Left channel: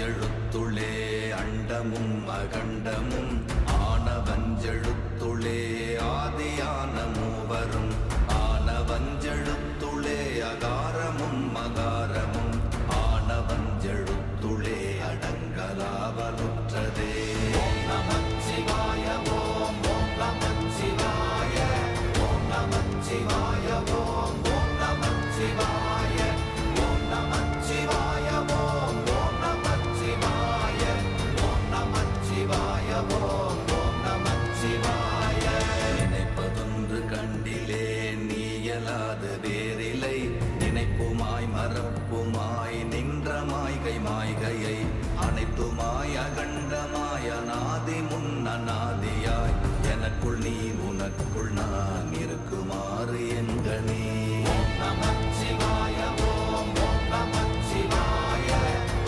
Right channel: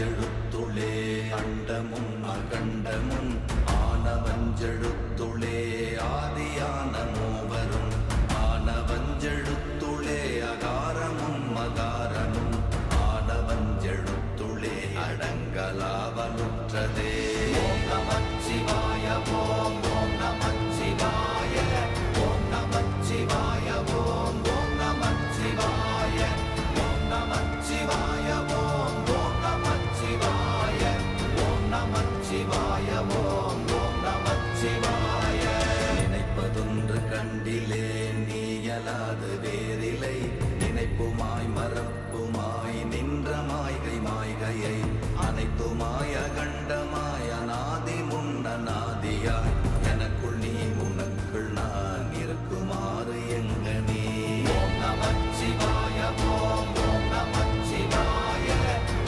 ஆனவஞ்செழுத்துளே அண்டமும் அகண்டமும் ஆனவஞ்செழுத்துளே ஆதியான மூவரும் ஆனவஞ்செழுத்துளே அகாரமும் மகாரமும் ஆனவஞ்செழுத்துளே அடங்கலாவலுற்றதே. ஓம் நமச்சிவாய ஓம் ஓம் நமச்சிவாய ஓம் நமச்சிவாய ஓம் ஓம் நமச்சிவாய ஓம் நமச்சிவாய ஓம் ஓம் நமச்சிவாய ஓம் நமச்சிவாய ஓம் ஓம் நமச்சிவாய. நினைப்பதொன்று கண்டிலே நீயலாது வேறில்லை நினைப்புமாய் மறப்புமாய் நின்ற மாய்கை மாய்கையை அனைத்துமாய் அகண்டமாய் அநாதி முன்னநாதியாய் எனக்குள் நீ உனக்குள் நான் இருக்குமாறு எங்கனே.